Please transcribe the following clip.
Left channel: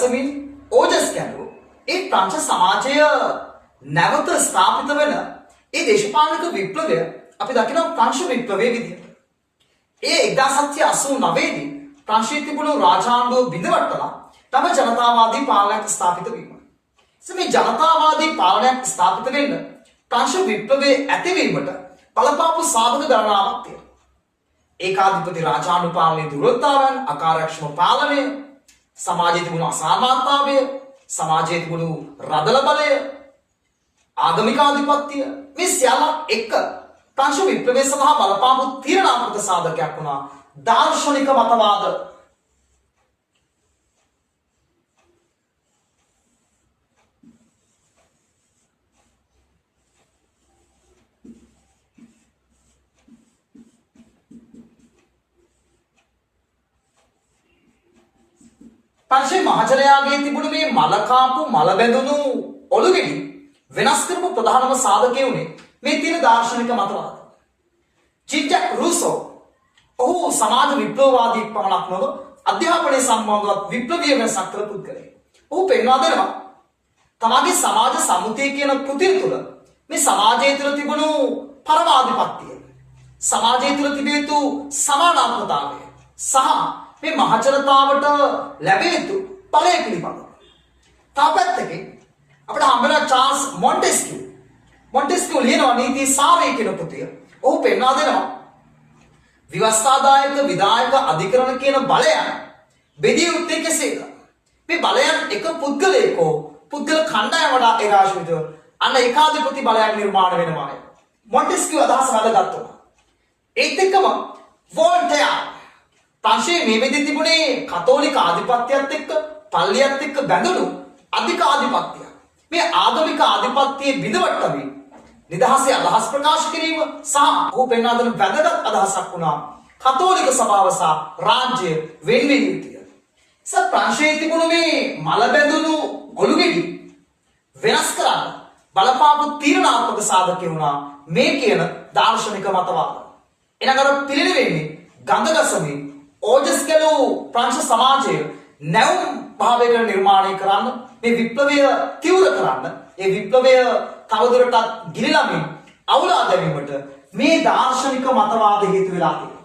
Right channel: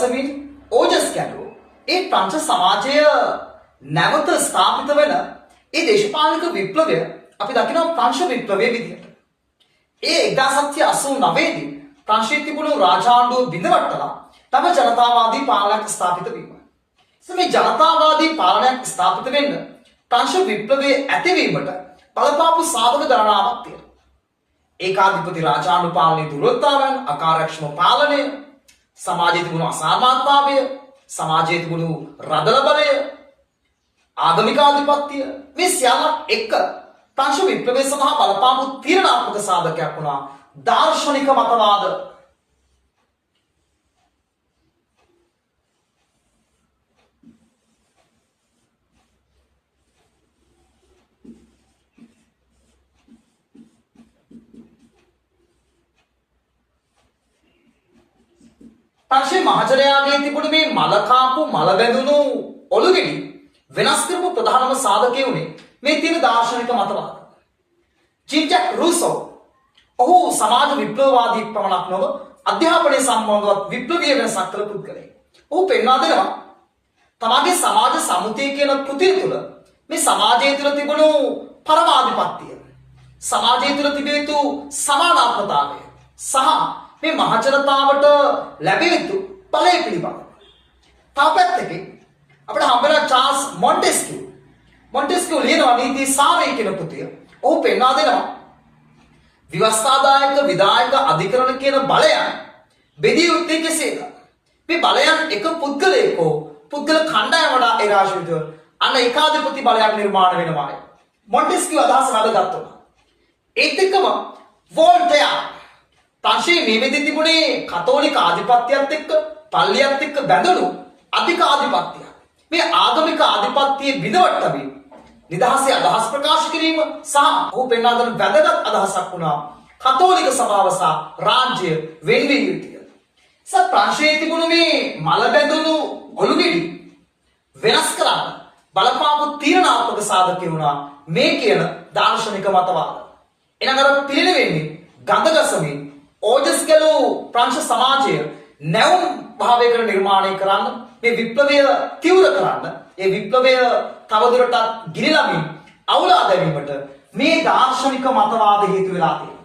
සමින් ඕජස් කැඩුව ඒ ප්‍රංශ සමාජය නැවත ස්ථාපිත වෙන ඒ දේශපාලනික විප්ලවය අපි දකිනවා ප්‍රංශ විප්ලවයේ විදිහට. ඒ 1789 දී ප්‍රංශයේ තිබුණු රාජාණ්ඩුව බිඳවට්ටලා තම ජනතාවාදී පාලනයක් ස්ථාපිත වීම. මේ ජනතාවාදී පාලනයක් ස්ථාපිත වෙන්න ප්‍රංශ විප්ලවයේ ඇතිවීමට බලපාපු සාධක ගණනාවක් තියෙනවා. ඒකාධිපති රාජාණ්ඩු පාලනයේ දුර්වලතාවයන්, අකාර්යක්ෂම පාලනය, සමාජයේ තිබුණු අසමානතාවය, සමාජයේ තිබුණු රදල බලය, ආගමික ආධිපත්‍ය, මේ සියල්ලත් එක්ක ප්‍රංශ විප්ලවයේ සඳහා බලපාපු තීරණාත්මක සාධකයක් වුණා දාර්ශනික මතවාද. ප්‍රංශයේ මහජනයාගේ තිබුණු මේ මලකාපු මල බැඳුණු ඔළුගෙඩි වෙනස් කරපු ප්‍රධානම සාධකය උනේ මේ තියෙන දාර්ශනික මතවාද. ජීන්-ජැක් රූසෝ ඔහු සමාජ විප්ලවවාදී පමණක් නොව අධ්‍යාපනය සම්බන්ධවත් විප්ලවීය වෙනසක් කළ පුද්ගලයෙක්. ඔහු පෙන්වා දෙනවා තමගේ සමාජ සමුතිය කියන කෘතිය තුළ මේ සමාජය තුළ තිබුණු පරමාධිපත්‍යය, සමාජය තුළ තිබිය යුතු සමානාත්මතාවය සහ මේ මහජනතාවට ලැබිය යුතු බලය පිළිබඳව. තව පැත්තකින් අපිට හම්බෙලා චාල්ස් මොන්ටෙස්කියු ලියනවා නීති සාරය කියන පොතේ. ඔහු පෙන්වා දෙනවා විවස්ථාදායක විධායක අධිකරණ කියන බලයන් බෙදිය යුත්තේ කෙසේද? මේ බලයන් එක පුද්ගලයෙක් හෝ පුද්ගල කණ්ඩායමකට ඒකාශ්‍රිතව අන්න ඒකාධිපති බලයක් නිර්මාණය වෙනවායි. මොන්ටෙස්කියු අදහස වැඩගත්තුනා. ඒත් එක්කම වෝල්ටෙයා ප්‍රංශයේ මේ වෙද්දී තිබුණේ කතෝලික ආධිපත්‍යයත් එක්ක පල්ලියත් එක්ක බැඳුණු අධික ආධිපත්‍යයක්. මේ ආගමික ආධිපත්‍යයේ බිඳවට්ටමින් නිදහසේ අදහස් ප්‍රකාශ කිරීම සහ ඔහු පෙන්වා දෙන වැදගත් අදහසක් වුණා කතෝලික සභාව සහ රාජ්‍ය වෙන්වීම යුතුය. ප්‍රංශයේ තිබුණු මේ මල බැඳුණු ඔළුගෙඩි වෙනස් කරන්න බලපාපු තීරණාත්මක සාධකය වුණා මේ කියන දාර්ශනික මතවාද. එනගර පිළිවෙන්නේ ගඳගසමින් ඕජස් කෙළු ප්‍රංශ සමාජය නැවුම් භාවයකට නිර්මාණය කරන්න, මේ විප්ලවය තීව්‍ර කරන්න, ඒ විප්ලවය තවදුරටත් ගිලිනමින් අවුලා දැමීමට මේ දාර්ශනික මතවාද හේතු වෙලා තියෙනවා.